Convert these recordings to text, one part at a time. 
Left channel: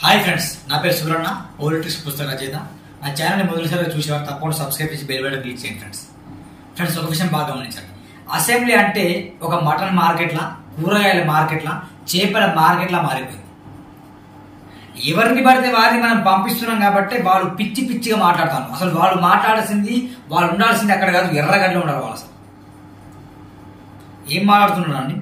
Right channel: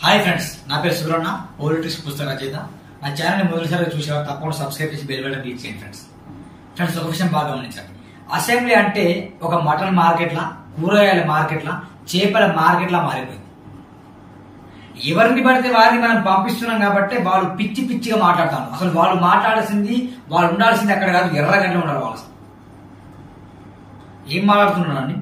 Hi friends, నా పేరు Subrahmanya, politics పుస్తక రచయిత. నా ఛానల్ని మొదటిసారిగా చూసేవారు తప్పకుండా సబ్స్క్రైబ్ చేసి బెల్ బటన్ క్లిక్ చేయండి. ఫ్రెండ్స్ ఒక విషయం బాగా గమనించండి. అసెంబ్లీ అంటే ఒక మటన్ మార్కెట్లా, కూరగాయల మార్కెట్లా, చేపల మార్కెట్లా మారిపోయింది. ఎవరిని పడితే వారిని మనం పంపిస్తున్నాం కాబట్టి వాళ్ళు పిచ్చి పిచ్చిగా మాట్లాడతాను. అసలు వాళ్ళు మాట్లాడాల్సింది, వాళ్ళు ఉండాల్సింది అక్కడ కాదు, ఎర్రగడ్డలో ఉండాలి. వాళ్ళు అసలు ఏం మాట్లాడుతున్నారండి?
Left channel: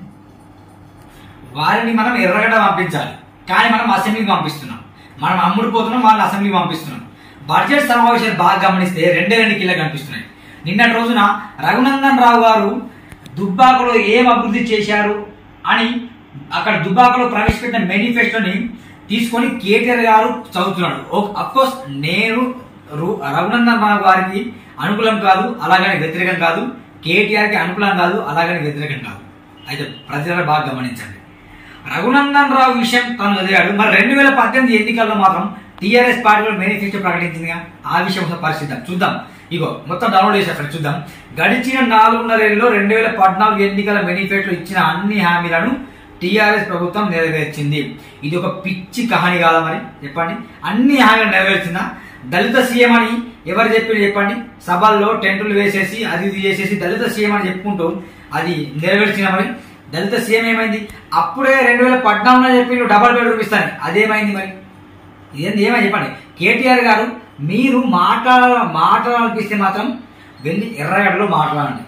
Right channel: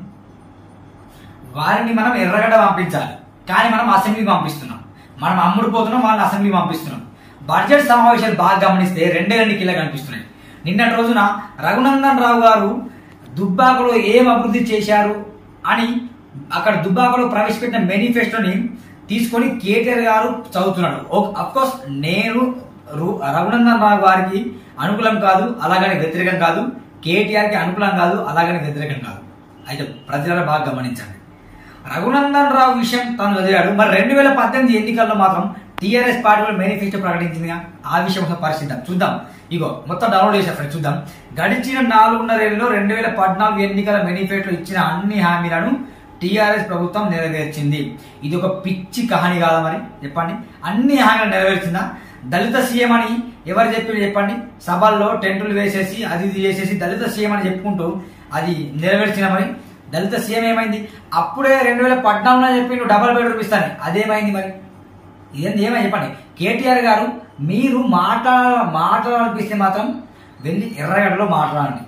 వారిని మనం ఎర్రగడ్డ పంపించాలి, కానీ మనం అసెంబ్లీకి పంపిస్తున్నాం. మనం అమ్ముడుపోతున్నాం, వాళ్ళని అసెంబ్లీకి పంపిస్తున్నాం. బడ్జెట్ సమావేశాలు బాగా గమనిస్తే రెండు కీలగా కనిపిస్తున్నాయి. నిన్నటి రోజున రఘునందన్ రావు గారు దుబ్బాకలో ఏం అభివృద్ధి చేశారు అని అక్కడ దుబ్బాకలో ప్రవేశపెట్టిన మేనిఫెస్టోని తీసుకొని కేటీఆర్ గారు చదువుతున్నాడు. అఫ్కోర్స్ నేను రఘునందన్ రావు గారికి అనుకూలం కాదు, అలాగని వ్యతిరేకం కాదు. కేటీఆర్కి అనుకూలం కాదు, అలాగని వ్యతిరేకం కాదు. అయితే ప్రజలు బాగా గమనించండి. రఘునందన్ రావు విషయం తాను చదివాడు. మరి 2018 ఎన్నికల్లో మాత్రం టీఆర్ఎస్ పార్టీ మేనిఫెస్టో ప్రకటించిందిగా. ఆ విషయం ఒకసారి పరిశీలిద్దాం, చూద్దాం. ఇగో మొత్తం డౌన్లోడ్ చేశారు ఫ్రెండ్స్, చూద్దాం. గడిచిన 4.5 ఏళ్లలో 2014 ఎన్నికల మేనిఫెస్టో ఇచ్చిన అన్ని హామీలను టీఆర్ఎస్ ప్రభుత్వం నెరవేర్చింది. ఇది ఒక పిచ్చి కహాని కాదా? మరి చెప్పండి, అన్ని హామీలు నెరవేర్చిందా? దళిత సీఎం అని ఎవరు చెప్పారు చెప్పండి? సభల్లో టెంటులు వేసేసి అది చేసేసి దళిత సీఎం అని చెప్పుకుంటూ అది నెరవేర్చిన. మరి దళిత సీఎం ఏమైంది? అప్పుడే 2014లో చెప్పిండు డబల్ బెడ్రూమ్ ఇస్తాను, అదేమైంది? మరి ఇదేంది, ఏమైంది చెప్పండి? కేటీఆర్ గారు, మీరు మాట్లాడాలనిపిస్తే మాత్రం వెళ్ళి ఎర్రగడ్డలో మాట్లాడండి.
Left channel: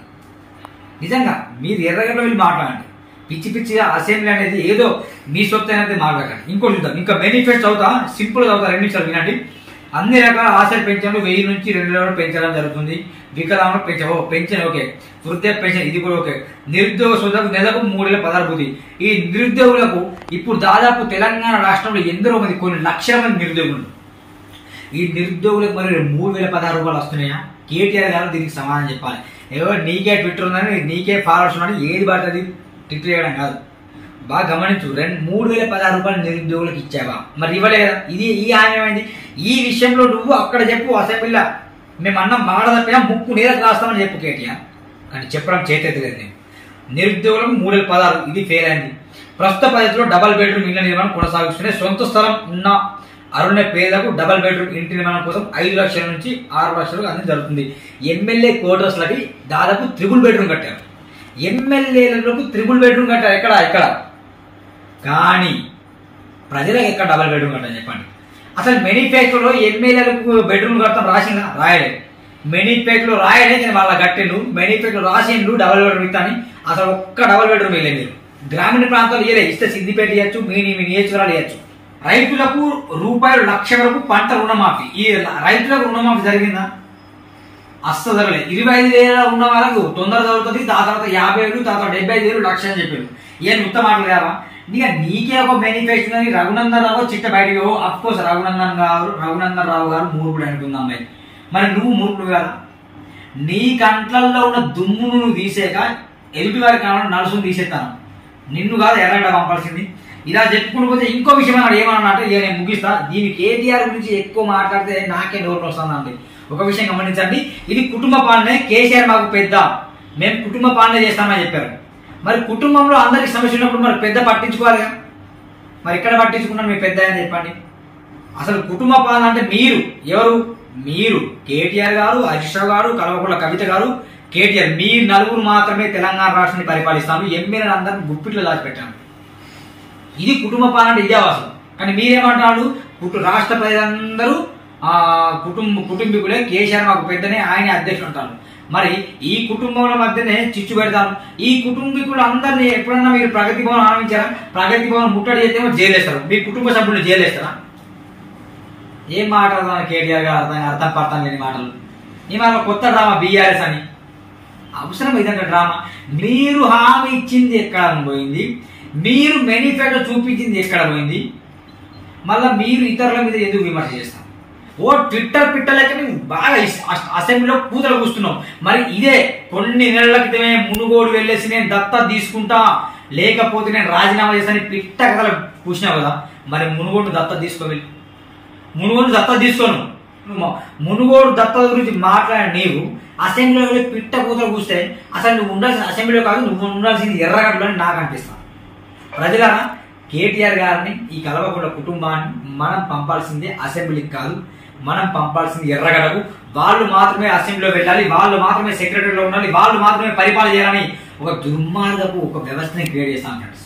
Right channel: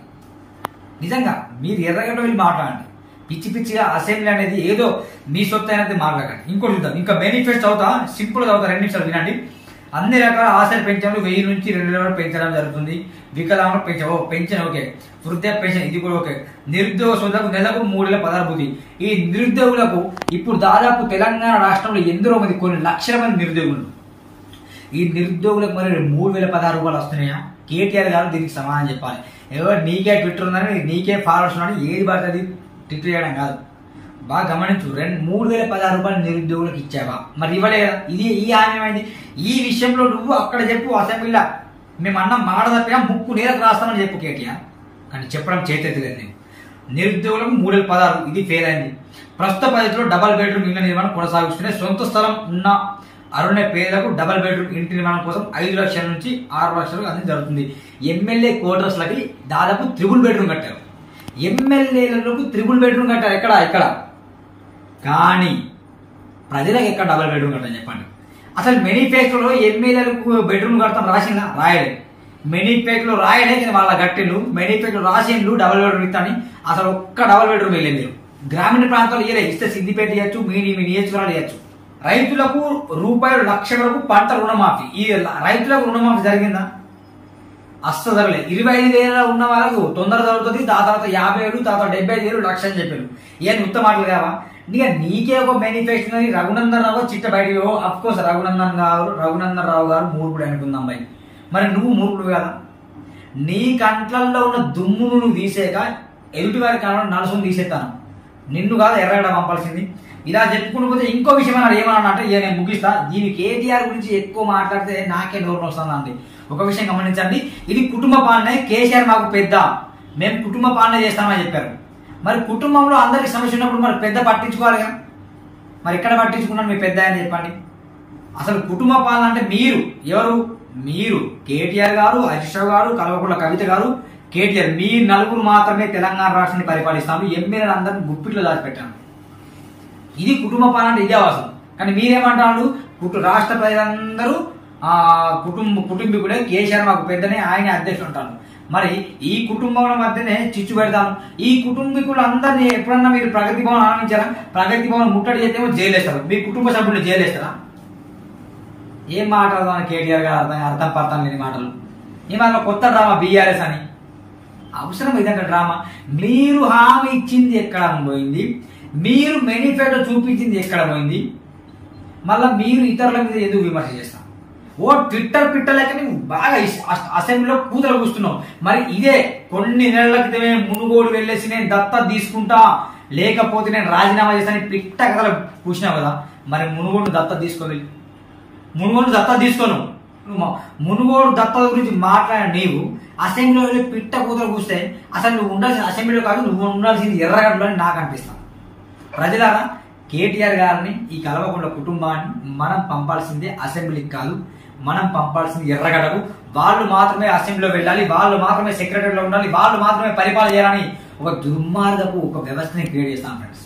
నిజంగా మీరు ఎర్రగడ్డలో వెళ్ళి మాట్లాడండి. పిచ్చి పిచ్చిగా అసెంబ్లీ అనేది ఏదో మీ సొత్తు అనేది మాట్లాడండి. ఇంకోటి చూద్దాం, ఇంకా మేనిఫెస్టో చదువుతా, సింపుల్ చదువుతా, 2 నిమిషాలు వినండి. అన్ని రకాల ఆశల పెన్షన్లు 1000 నుంచి 2000 పెంచడం జరుగుతుంది. వికలాంగులు పెన్షన్ ఓకే, వృద్ధాప్య పెన్షన్ ఇది కూడా ఓకే. నిరుద్యోగ సోదరులకు నెలకు 3016 బుద్ధి. ఈ నిరుద్యోగులకు ఇప్పుడు దాదాపు తెలంగాణ రాష్ట్రంలో ఎందరో మంది, కొన్ని లక్షల మంది నిరుద్యోగులు. ఈ నిరుద్యోగులకు మరి 3016 రూపాయలు వస్తున్నాయా? కేటీఆర్ గారు దీనికి సమాధానం చెప్పాలి. ఎవరు నీకే ట్విట్టర్ ఉందని, నీకే ఫాలోవర్స్ ఉన్నాడు, ఏది పడుతుంది ట్విట్టర్ చేయడం కాదు. బాగా గమనించు, 3016 రూపాయలు నిరుద్యోగులకు ఇచ్చావా? మరి ఇవ్వలేదు. ఇది ఈ హామీ ఏమైంది? ఈ విషయంలో నువ్వు అక్కడ చెప్పు, అసెంబ్లీలో మేము అన్నం మాట తప్పినా ముక్కు నేరకు రాస్తామని చెప్పు కేటీఆర్. కానీ చెప్పడం చేతెత్తలేదు. నేను నిరుద్యోగులకు 3016 ఇది ఫెయిల్ అయింది. ప్రస్తుత పరిస్థితిలో డబల్ బెడ్రూమ్ ఇళ్ల నిర్మాణం కొనసాగిస్తూనే సొంత స్థలం ఉన్న అరుణ పేదలకు డబల్ బెడ్రూమ్ ఇంటి నిర్మాణం కోసం 5 లక్షల నుంచి 6 లక్షలకు అనేది జరుగుతుంది. ఎమ్మెల్యే క్వార్టర్స్లకి దాదాపు 3 బెడ్రూమ్ కట్టారు. ఎమ్మెల్యేలకు 3 బెడ్రూమ్ కట్టారు. ఎక్కడ కానీ ప్రజలకు ఎక్కడ డబల్ బెడ్రూమ్ కట్టారు చెప్పండి? అసలు మేనిఫెస్టోలో ఎమ్మెల్యేలకు బెడ్రూమ్ కడతాం రాసిందా? రాయలే. మేనిఫెస్టోలో రాయలే, నేను వాళ్ళ గట్టిండు. మేనిఫెస్టోలో రాసిండు డబల్ బెడ్రూమ్ ఇస్తాని, అసలు ఒక్క డబల్ బెడ్రూమ్ వేయలేదు. మీరు గ్రామీణ ప్రాంతాలు ఇయ్యలే. ఇస్తే సిద్దిపేట ఇవ్వచ్చు, మీ నియోజకవర్గాలు ఇవ్వచ్చు. రైతులకు ₹1,00,000 వరకు పంట రుణమాఫీ. ఈ రైతులకు రుణమాఫీ జరిగిందా? అస్సలు జరగలేదు. 25,000 ఉన్న వాళ్ళకు తొందర జరుగుతుంది. దాని తర్వాత 50,000, తర్వాత 75,000, లక్ష అని చెప్పారు. ఏం ఉత్తమ మాటలు లేవా? నీకే ఒక మేనిఫెస్టో అని రఘునందన్ రావు చిట్ట బయటికి. అఫ్కోర్స్ రఘునందన్ రావు గారు మూర్ఖుడు అనుకుంది అమ్మాయి. మరి నువ్వు మూర్ఖుడు కదా? నీ కంట్లల్లో ఉన్న దుమ్మును నువ్వు తీసేక ఎదుటి వారి కాలంలో నలుసును తీసేస్తాను. నిన్ను కాదు ఎర్రగడ్డ పంపాల్సింది. ఇలా చెప్పుకుంటూ పోతే ఇంకో విషయం అన్నాడు. ఏమన్నా అంటే నేను ముగిస్తా. దీని కేటీఆర్ గురించి ఎక్కువ మాట్లాడితే నాకే నోరు వస్తుందండి. ఒక విషయం గమనించండి, ఇది కుటుంబ పాలనే. కేసీఆర్ మాకు పెద్ద, మేము కుటుంబ పాలన చేస్తామని చెప్పారు. మరి కుటుంబంలో అందరికి సమస్య ఉన్నప్పుడు మరి పెద్ద పట్టించుకోవాలిగా. మరి ఎక్కడ పట్టించుకున్నాను మీ పెద్ద అని చెప్పండి? అసలు కుటుంబ పాలన అంటే మీరు కేటీఆర్ గారు, హరీష్ రావు గారు, కల్వకుంట్ల కవిత గారు, కేటీఆర్, మీరు నలుగురు మాత్రమే తెలంగాణ రాష్ట్రాన్ని పరిపాలిస్తాము. ఎమ్మెల్యేలు అందరినీ గుప్పిట్లో దాచిపెట్టాను. ఇది కుటుంబ పాలన అంటే ఇదేవాసం. కానీ మీరేమంటారు? రాష్ట్ర ప్రజలందరూ కుటుంబీకులే, కేసీఆర్ మాకు పెద్దనే, ఆయన అధ్యక్షుడు అంటారు. మరి ఈ కుటుంబాల మధ్యనే చిచ్చు పెడతాను. ఈ కుటుంబీకులు అందరినీ ఎప్పుడన్నా మీరు ప్రగతి భవన్ ఆరంభించారా? ప్రగతి భవన్ ముట్టడి చేస్తేమో జైలేస్తారు. మీ కుటుంబ సభ్యులు జైలేస్తారా? ఏం మాట్లాడదాం కేటీఆర్ గారు? అర్థం పడతాం లేని మాటలు. ఈ మాట కొత్త డ్రామా బీఆర్ఎస్ అని. అవసరం ఇదంటే డ్రామా. మీరు హామీ ఇచ్చింది ఎక్కడ పోయింది? మీరు మేనిఫెస్టో చూపించింది ఎక్కడ పోయింది? మళ్ళీ మీరు ఇతరుల మీద ఎందుకు విమర్శ చేస్తాం? ట్విట్టర్ పిట్టలకి బాగా అసెంబ్లీలో కూతలు కూస్తున్నాం. మరి ఇదే కొన్ని నెలల క్రితమే మునుగోడు వెళ్ళేసి నేను దత్తత తీసుకుంటా, లేకపోతే నేను రాజీనామా చేస్తాను పిట్ట కథలు పూసినావు కదా. మరి మునుగోడు దత్తత తీసుకోవాలి. మునుగోడు దత్తత తీసుకోను. మునుగోడు దత్తత గురించి మాట్లాడిన నీవు అసెంబ్లీలో పిట్ట కూతలు కూస్తే అసలు నువ్వు ఉండాల్సిన అసెంబ్లీలో కాదు, నువ్వు ఉండాల్సింది ఎర్రగడ్డలో అని నాకు అనిపిస్తాను. ప్రజలారా, కేటీఆర్ గారిని ఈ కల్వకుంట్ల కుటుంబాన్ని మనం పంపాల్సిందే అసెంబ్లీకి కాదు, మనం పంపాల్సింది ఎర్రగడ్డకు. వాళ్ళు మాత్రమే అసెంబ్లీలో వెళ్ళాలి, వాళ్ళు మాత్రమే సెక్రటరీలో ఉండాలి, వాళ్ళు మాత్రమే పరిపాలన చేయాలని ఒక దుర్మార్గపు ఒక వ్యవస్థని క్రియేట్ చేస్తాం ఫ్రెండ్స్.